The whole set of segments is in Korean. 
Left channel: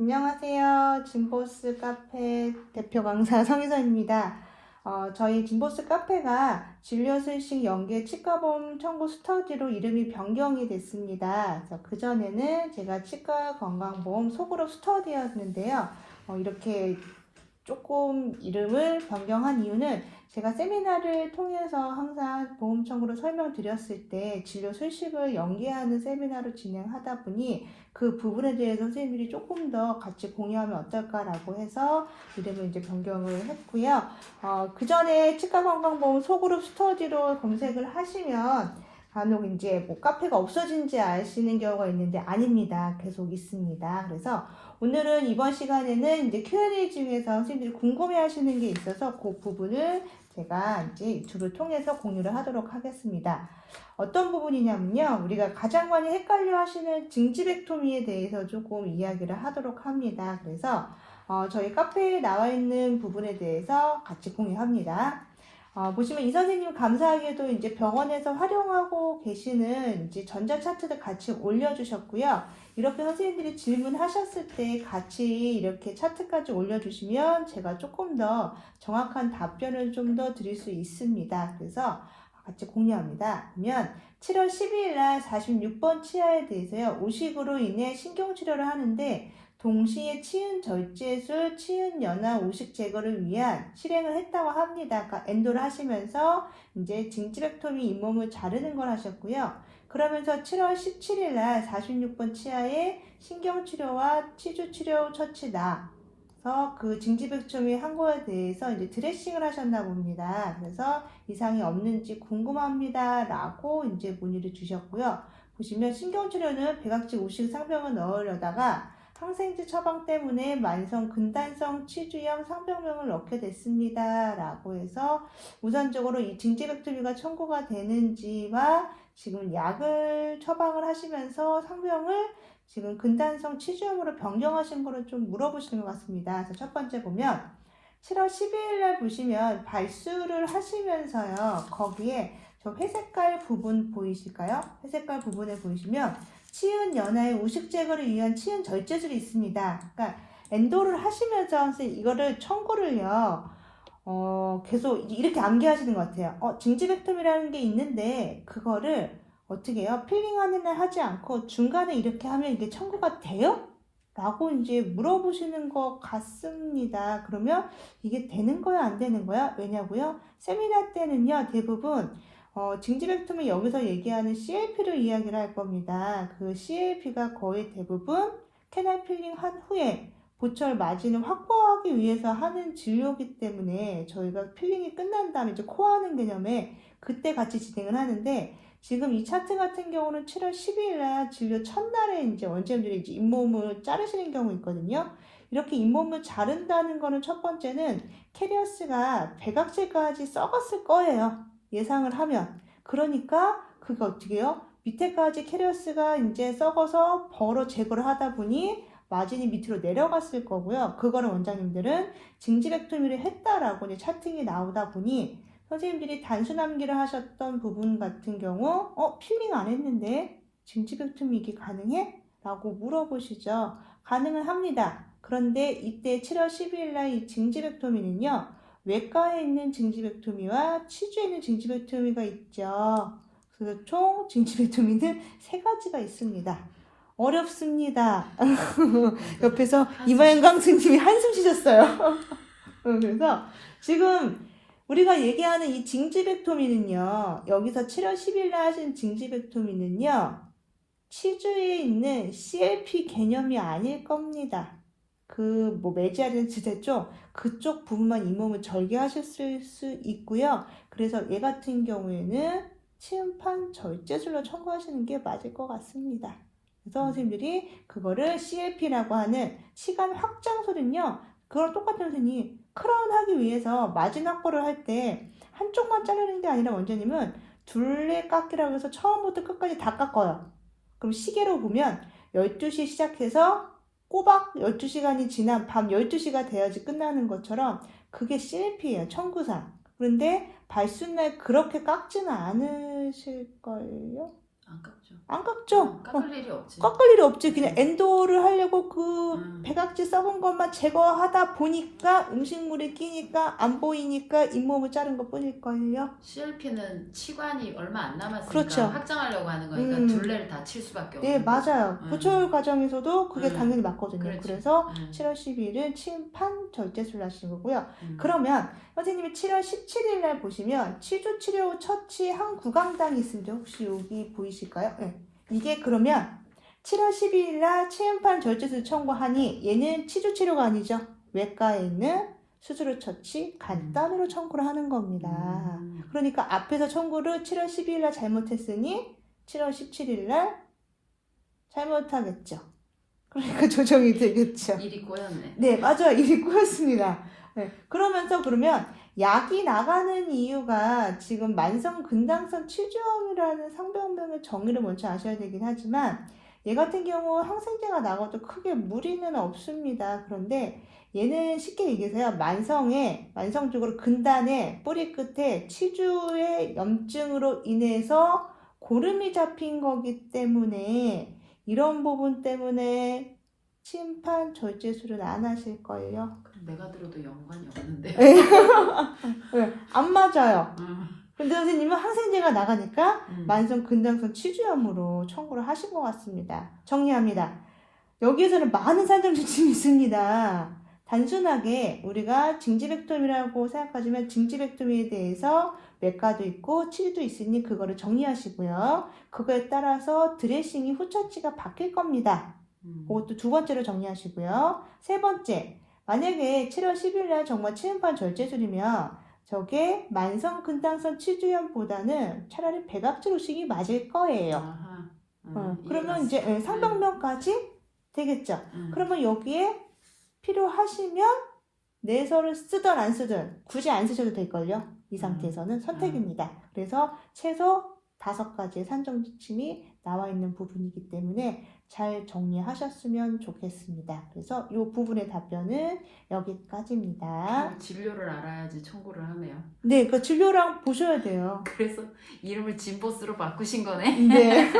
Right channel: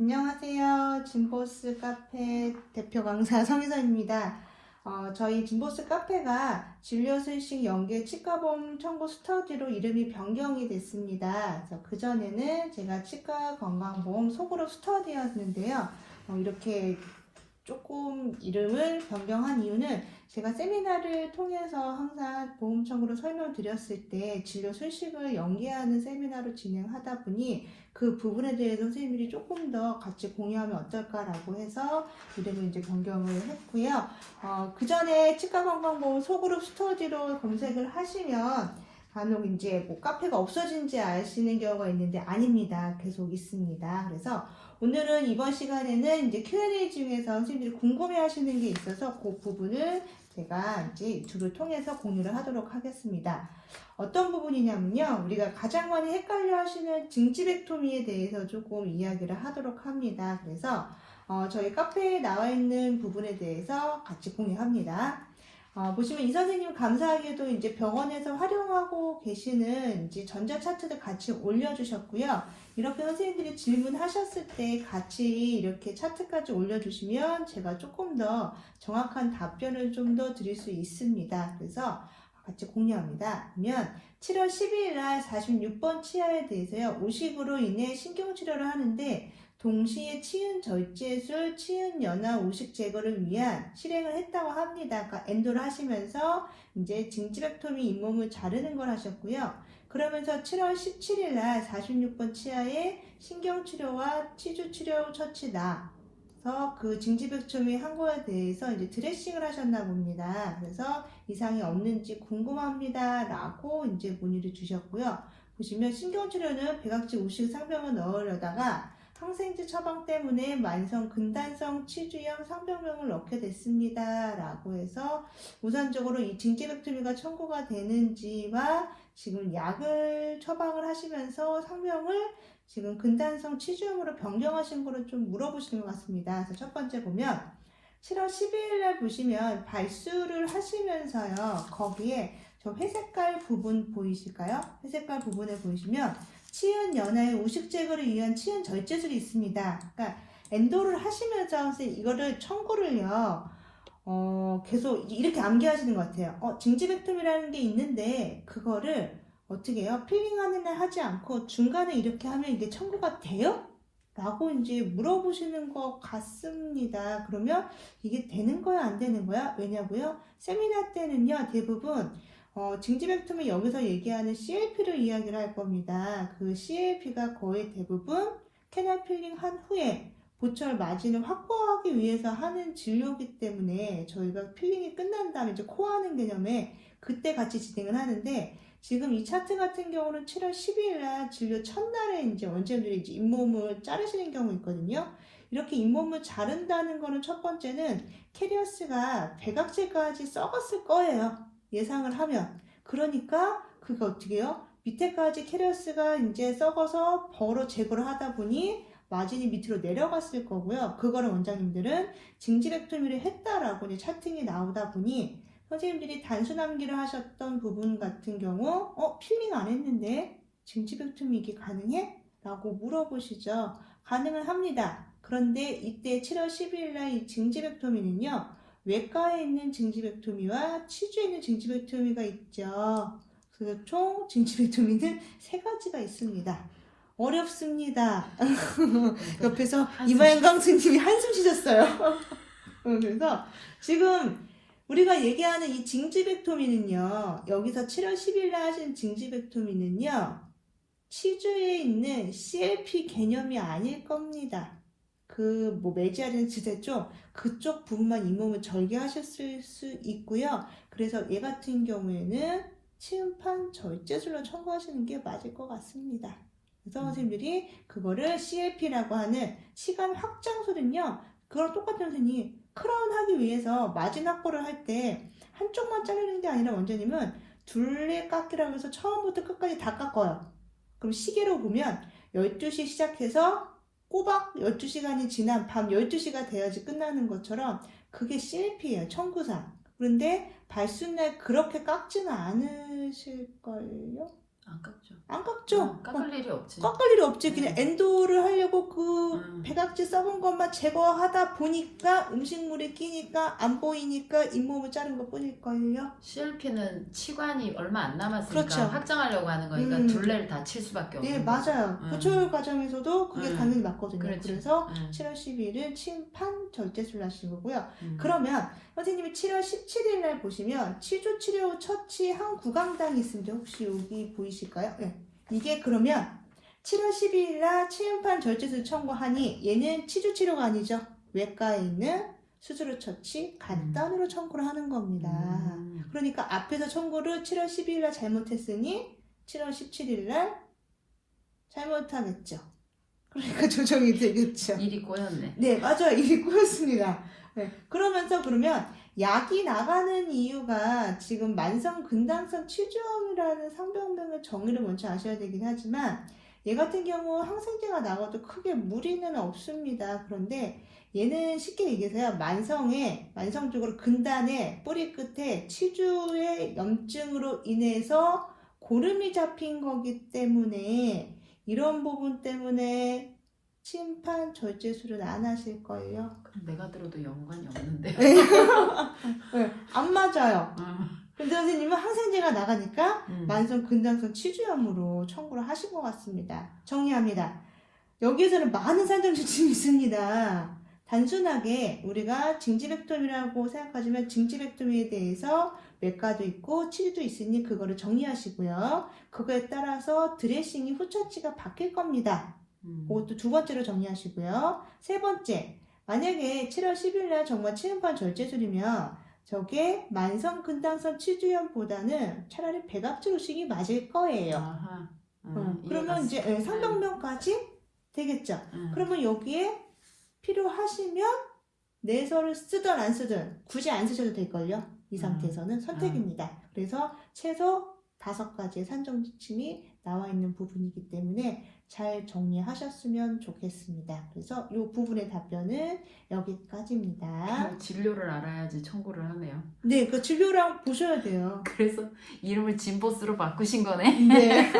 안녕하세요. 진보스 카페 대표 강사 성희선입니다. 저희 진보스 카페가 진료실식 연계 치과보험 청구 스터디로 이름이 변경이 됐습니다. 그래서 그전에는 제가 치과 건강보험 소그룹 스터디였는데요. 이렇게 조금 이름을 변경한 이유는 제가 세미나를 통해서 항상 보험 청구를 설명드렸을 때 진료 실식을 연계하는 세미나를 진행하다 보니 그 부분에 대해서 선생님들이 조금 더 같이 공유하면 어떨까라고 해서 이름을 이제 변경을 했고요. 그 전에 치과건강보험 소그룹 스터디로 검색을 하시면 간혹 이제 뭐 카페가 없어진지 아시는 경우가 있는데 아닙니다. 계속 있습니다. 그래서 오늘은 이번 시간에는 이제 Q&A 중에서 선생님들이 궁금해 하시는 게 있어서 그 부분을 제가 이제 유튜브를 통해서 공유를 하도록 하겠습니다. 어떤 부분이냐면요. 우리가 가장 많이 헷갈려 하시는 징지백토미에 대해서 조금 이야기를 하도록 합니다. 그래서 저희 카페에 나와 있는 부분에 대해서 같이 공유합니다. 보시면 이 선생님 감사하게도 이제 병원에서 활용하고 계시는 이제 전자차트를 같이 올려주셨고요. 이렇게 선생님들이 질문하셨을 때 같이 이렇게 차트까지 올려주시면 제가 조금 더 정확한 답변을 좀 더 드릴 수 있습니다. 그래서 같이 공유합니다. 그러면 7월 12일 날 46번 치아에 대해서요. 우식으로 인해 신경치료를 하는데 동시에 치은 절제술, 치은 연화 우식 제거를 위한 실행을 했다고 합니다. 그러니까 엔도를 하시면서 이제 징지백토미 잇몸을 자르는 걸 하셨고요. 그러면서 7월 17일 날 46번 치아에 신경치료와 치주치료 처치다. 그래서 그 징지백토미 한 거에 대해서 이제 드레싱을 하셨나 봅니다. 그래서 이상이 없는지 궁금합니다. 라고 이제 문의를 주셨고요. 보시면 신경치료는 백악지 우식 상병을 넣으려다가 항생제 처방 때문에 만성 근단성 치주염 상병명을 넣게 됐습니다. 라고 해서 우선적으로 이 징지백토미가 청구가 되는지와 지금 약을 처방을 하시면서 상병을 지금 근단성 치주염으로 변경하신 거를 좀 물어보시는 것 같습니다. 그래서 첫 번째 보면 7월 12일 날 보시면 발수를 하시면서요. 거기에 저 회색깔 부분 보이실까요? 회색깔 부분에 보시면 치은 연화의 우식 제거를 위한 치은 절제술이 있습니다. 그러니까 엔도를 하시면서 이거를 청구를요. 계속 이렇게 암기하시는 것 같아요. 징지백tom이라는 게 있는데 그거를 어떻게 해요? 필링하는 날 하지 않고 중간에 이렇게 하면 이게 청구가 돼요? 라고 이제 물어보시는 것 같습니다. 그러면 이게 되는 거야, 안 되는 거야? 왜냐고요? 세미나 때는요, 대부분 징지백tom이 여기서 얘기하는 CLP를 이야기를 할 겁니다. 그 CLP가 거의 대부분 캐널 필링 한 후에 보철 마진을 확보하기 위해서 하는 진료이기 때문에 저희가 필링이 끝난 다음에 이제 코하는 개념에 그때 같이 진행을 하는데 지금 이 차트 같은 경우는 7월 12일 날 진료 첫날에 이제 원장님들이 이제 잇몸을 자르시는 경우 있거든요. 이렇게 잇몸을 자른다는 거는 첫 번째는 캐리어스가 백악질까지 썩었을 거예요. 예상을 하면. 그러니까 그거 어떻게 해요? 밑에까지 캐리어스가 이제 썩어서 벌어 제거를 하다 보니 마진이 밑으로 내려갔을 거고요. 그거를 원장님들은 징지백토미를 했다라고 이제 차팅이 나오다 보니 선생님들이 단순 암기를 하셨던 부분 같은 경우 필링 안 했는데 징지백토미 이게 가능해? 라고 물어보시죠. 가능은 합니다. 그런데 이때 7월 12일 날 이 징지백토미는요. 외과에 있는 징지백토미와 치주에 있는 징지백토미가 있죠. 그래서 총 징지백토미는 3가지가 있습니다. 어렵습니다. 옆에서 이마영 선생님이 한숨 쉬셨어요. 그래서 지금 우리가 얘기하는 이 징지백토미는요. 여기서 7월 10일 날 하신 징지백토미는요. 치주에 있는 CLP 개념이 아닐 겁니다. 그 뭐 메지아렌스 됐죠? 그쪽 부분만 잇몸을 절개하셨을 수 있고요. 그래서 얘 같은 경우에는 치은판 절제술로 청구하시는 게 맞을 것 같습니다. 그래서 선생님들이 그거를 CLP라고 하는 시간 확장술은요. 그걸 똑같은 선생님이 크라운 하기 위해서 마진 확보를 할 때 한쪽만 자르는 게 아니라 원장님은 둘레 깎기라고 해서 처음부터 끝까지 다 깎아요. 그럼 시계로 보면 12시 시작해서 꼬박 12시간이 지난 밤 12시가 돼야지 끝나는 것처럼 그게 CLP예요. 청구상. 그런데 발수날 그렇게 깎지는 않으실걸요? 안 깎죠. 안 깎죠? 깎을 일이 없지. 깎을 일이 없지. 그냥 엔도를 하려고 그 백악지 썩은 것만 제거하다 보니까 음식물에 끼니까 안 보이니까 잇몸을 자른 것 뿐일걸요. CLP는 치관이 얼마 안 남았으니까 그렇죠. 확정하려고 하는 거니까 둘레를 다 칠 수밖에 네, 없는 거죠. 맞아요. 보철 과정에서도 그게 당연히 맞거든요. 그렇지. 그래서 7월 12일은 침판 절제술을 하신 거고요. 음. 그러면 선생님이 7월 17일 날 보시면 치주 치료 처치 한 구강당이 있습니다. 혹시 여기 보이실까요? 네. 이게 그러면 7월 12일 날 침판 절제술 청구하니 얘는 치주 치료가 아니죠. 외과에 있는 수술을 처치 간단히로 청구를 하는 겁니다. 그러니까 앞에서 청구를 7월 12일 날 잘못했으니 7월 17일 날 잘못하겠죠. 그러니까 조정이 되겠죠. 일이 꼬였네. 네, 맞아요. 일이 꼬였습니다. 네, 그러면서 그러면 약이 나가는 이유가 지금 만성 근당성 치주염이라는 상병명의 정의를 먼저 아셔야 되긴 하지만 얘 같은 경우 항생제가 나가도 크게 무리는 없습니다. 그런데 얘는 쉽게 얘기해서요. 만성적으로 근단의 뿌리 끝에 치주의 염증으로 인해서 고름이 잡힌 거기 때문에 이런 부분 때문에 침판 절제술은 안 하실걸요? 내가 들어도 연관이 없는데. 네, 안 맞아요. 근데 선생님은 항생제가 나가니까 만성 근당성 치주염으로 청구를 하신 것 같습니다. 정리합니다. 여기에서는 많은 산정 지침이 있습니다. 단순하게 우리가 징지렉tom이라고 생각하시면 징지렉tom에 대해서 외과도 있고 치주도 있으니 그거를 정리하시고요. 그거에 따라서 드레싱이 후처치가 바뀔 겁니다. 그것도 두 번째로 정리하시고요. 세 번째, 만약에 7월 10일 날 정말 치음판 절제술이면 저게 만성 근당성 치주염보다는 차라리 백악지 의식이 맞을 거예요. 그러면 이제 상병명까지 되겠죠. 그러면 여기에 필요하시면 내서를 쓰든 안 쓰든 굳이 안 쓰셔도 될걸요. 이 상태에서는 선택입니다. 그래서 최소 5가지의 산정 지침이 나와 있는 부분이기 때문에 잘 정리하셨으면 좋겠습니다. 그래서 이 부분의 답변은 여기까지입니다. 진료를 알아야지 청구를 하네요. 네, 그 진료랑 보셔야 돼요. 그래서 이름을 진보스로 바꾸신 거네. 네.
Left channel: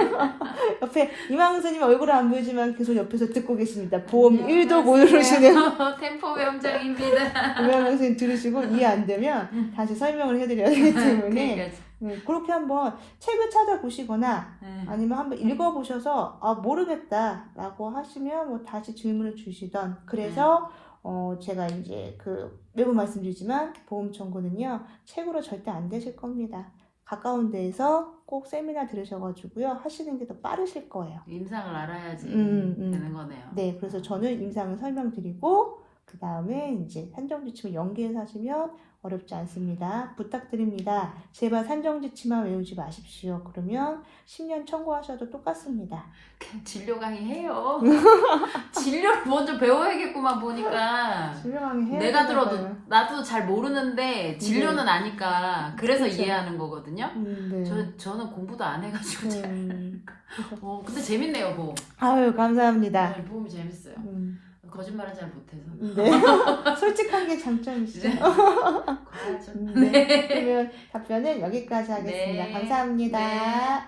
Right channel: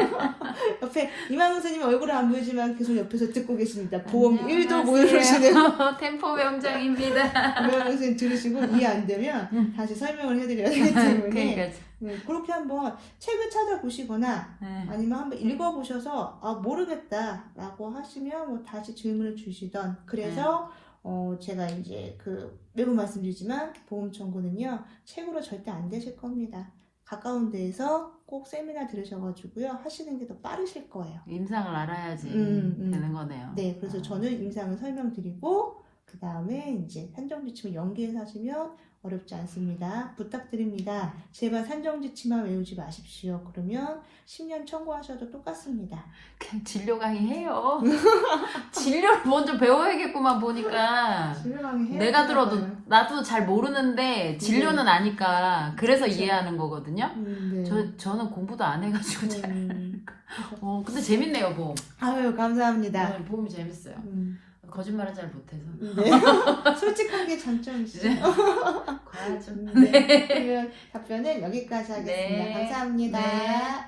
옆에 이만우 선생님 얼굴은 안 보이지만 계속 옆에서 듣고 계십니다. 보험 1도 모르시네요. 템포 외원장입니다. 이만우 선생님 들으시고 이해 안 되면 다시 설명을 해드려야 되기 때문에 그러니까. 네, 그렇게 한번 책을 찾아보시거나 아니면 한번 읽어보셔서 아 모르겠다 라고 하시면 뭐 다시 질문을 주시던 그래서 제가 이제 매번 말씀드리지만 보험 청구는요 책으로 절대 안 되실 겁니다. 가까운 데에서 꼭 세미나 들으셔가지고요 하시는 게 더 빠르실 거예요. 임상을 알아야지 되는 거네요. 네, 그래서 저는 임상을 설명드리고 그 다음에 이제 산정지침을 연계해서 하시면 어렵지 않습니다. 부탁드립니다. 제발 산정지침만 외우지 마십시오. 그러면 10년 청구하셔도 똑같습니다. 그냥 진료 강의 해요. 진료를 먼저 배워야겠구만 보니까. 진료 강의 해야 내가 될 들어도 거예요. 나도 잘 모르는데 진료는 아니까 그래서 그쵸. 이해하는 거거든요. 네. 저는 공부도 안 해가지고 잘. 음. 근데 재밌네요 보험. 아유 감사합니다. 보험이 재밌어요. 거짓말을 잘 못해서. 네. 솔직한 게 장점이시죠. 과하죠. 네. 그러면 답변은 여기까지 하겠습니다. 네. 감사합니다. 네.